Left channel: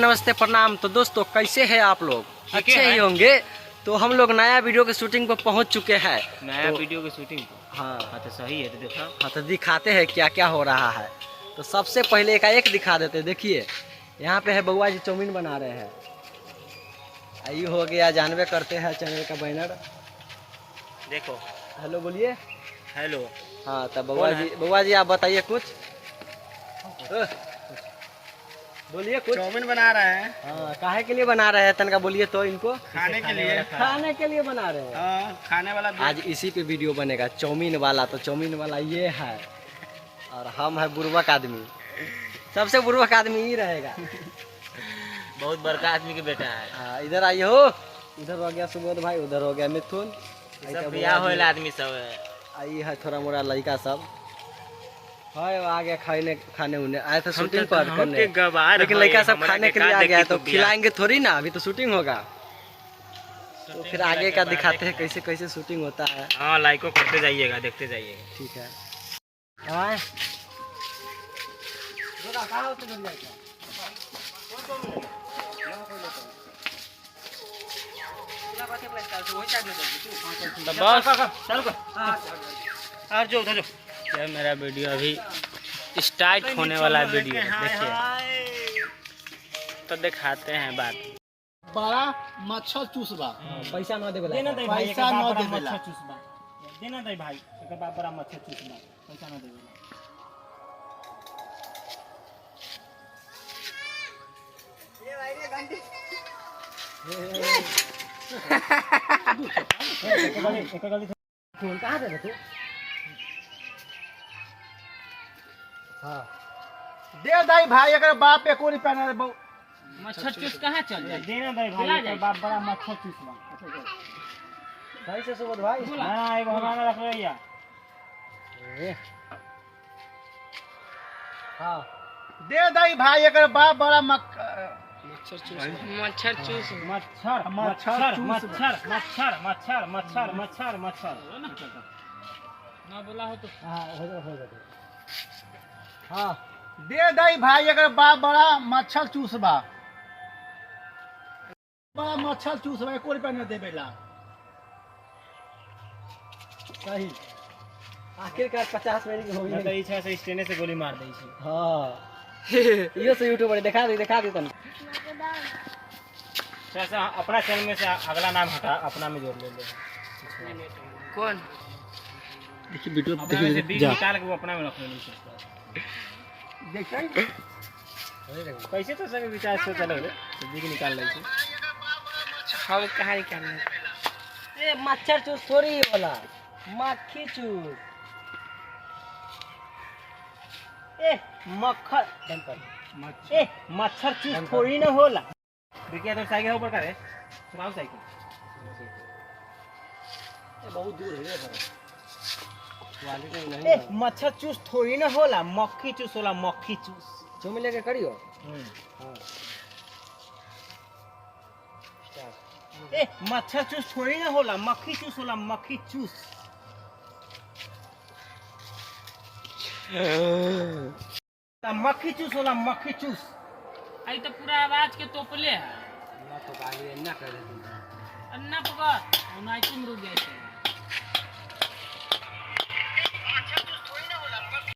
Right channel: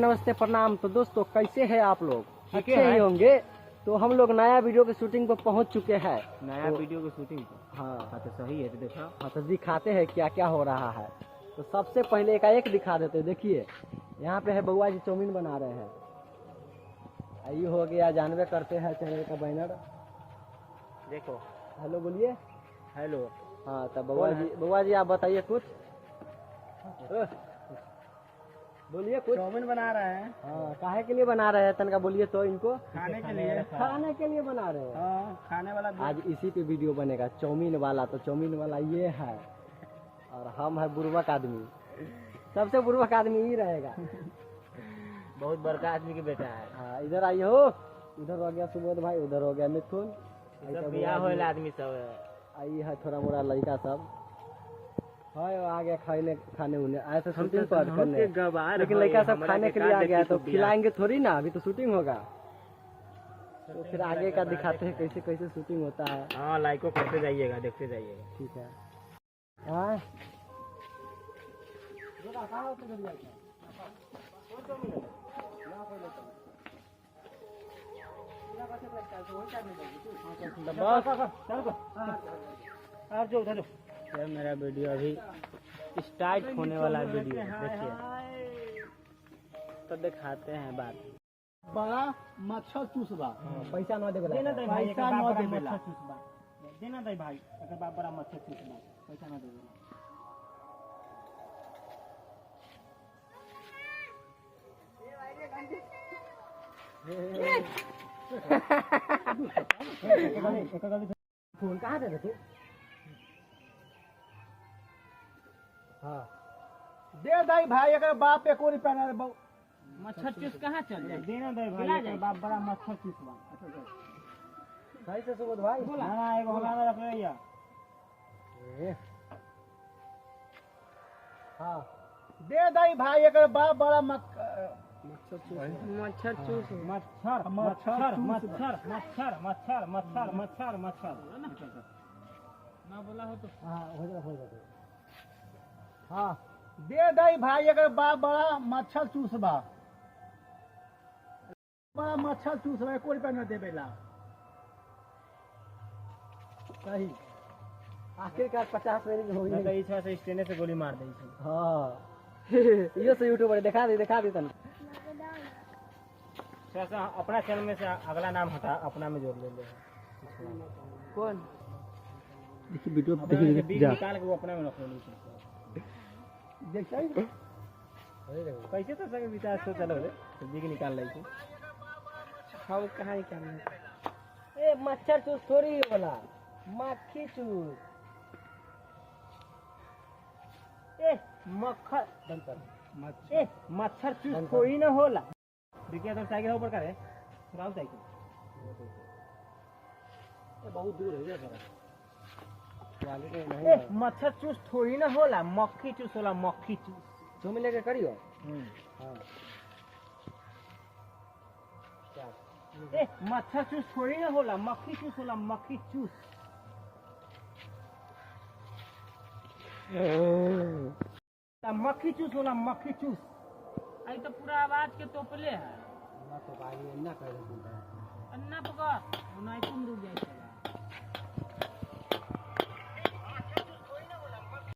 नमस्ते प्रणाम। तो दोस्तों कैसे हैं आप लोग? अच्छे ही होंगे। तो हम लोग नया वीडियो के शूटिंग पर पहुंच चुके हैं। नया वीडियो की शूटिंग पर हाँ तो सही है। तो देखा तो दिखाते हैं क्या क्या हो रहा है। तो सबसे पहले एक दिखा देते। देखिए यहाँ पे है बउआ जी चाउमीन बना रहे हैं। आयु हो गया, जानवे करते हैं चैनल का बैनर। देखो, हेलो बोलिए। हेलो। हाँ तो बउआ जी आप बताइए कुछ। बोलिए कुछ। चाउमीन बना रहे हैं। हाँ काहे के लिए बना रहे हैं तनका बोलिए तो इनको। खाने के लिए। खाने के लिए बना रहे हैं। हाँ, खाने वाला आज इसी पे वीडियो बनेगा चाउमीन वाला। तो चाउमीन वाला ये है और हम है बुर्बक आदमी। सबसे बुर्बक आदमी ही रहेगा। बहुत बड़का आदमी के बेटा है। हाँ इधर आइए हो। इधर हो गया सुबोध भाई, उधर हो गया मिथुन। सब बियाह होएला आदमी सब है। आई है थोड़ा मोड़ा लड़का सब है। आ गया खाने उन्हें आए थे शूटिंग पर करने, लेकिन लड़का सब खाने के लिए आ गया। तो खिलाएंगे थोड़ी ना, अभी तो शूटिंग होगा। तो फिर आगे का दिखाते हैं कैसे कैसे शूटिंग होता है। हाँ, लाइको करते जाइएगा, देखते जाइएगा। ठीक है। हाँ ये मेरा वीडियो अभी स्टार्ट होने वाला वीडियो देखिए। तो दिखाते हैं बात। बड़ा मच्छर चूसबा। पैसा न देबे पैसा न देबे देना दे भाई, एकर बाप बड़ा मच्छर चूसबा, पैसा न देबे। फोन कहाँ दे तू? हाँ दे दाई भाई, अगर बाप पे कोरी पहना रे बहु मच्छर चूस कहाँ चल जाए? देना दे भाई, एकर बाप बड़ा मच्छर चूसबा। सही से सुबोध भाई। हां, एगो हमारा रख लिया। हाँ दे दाई भाई, अगर बाप बड़ा मच्छर मच्छर मच्छर मच्छर मच्छर मच्छर मच्छर मच्छर ना बोला हो तो। हाँ दे दाई भाई, अगर बाप बड़ा मच्छर चूसबा। बड़ा मच्छर चूसबा कोरी पहना देबे ला। सही। आखिरकार 50 मिनट की होगी। तो इच्छा से स्टेने से गोली मार दी छी। हाँ ये से यूट्यूब पर दिखा दी तन। ऐसा अपना चैनल में से अगला नाम हटा, अपना में जोड़ ले। कौन? देखिए वीडियो देखिए जा निकाल के वो अपना में रख ले। देखिए कैसे तो सब विचार से चलो रे, सब्जी के निकाल ले छी। हम कहां निकालने? ए मच्छर चूस थोड़ी वाला, मक्खी चूस। ए मक्खर बंद कर। ए मच्छर चूस थोड़ी ना होला। देखिए तो साइकिल ऊपर करे, चलाओ साइकिल। ये बहुत दूर है ये सर। क्वालिटी नहीं ए है। मच्छर चूस थोड़ी ना होला, मक्खी चूस होला, मक्खी चूस। तुम लेके करियो। हाँ ए मच्छर चूस थोड़ी ना होला, मक्खी चूस होला, मक्खी चूस। मक्खी चूस होला, मक्खी चूस। आई तो पूरा आवाज के तोपले है। ना तो आगे ना कर दे। अन्ना पकड़, उनाई तुम रुक गए।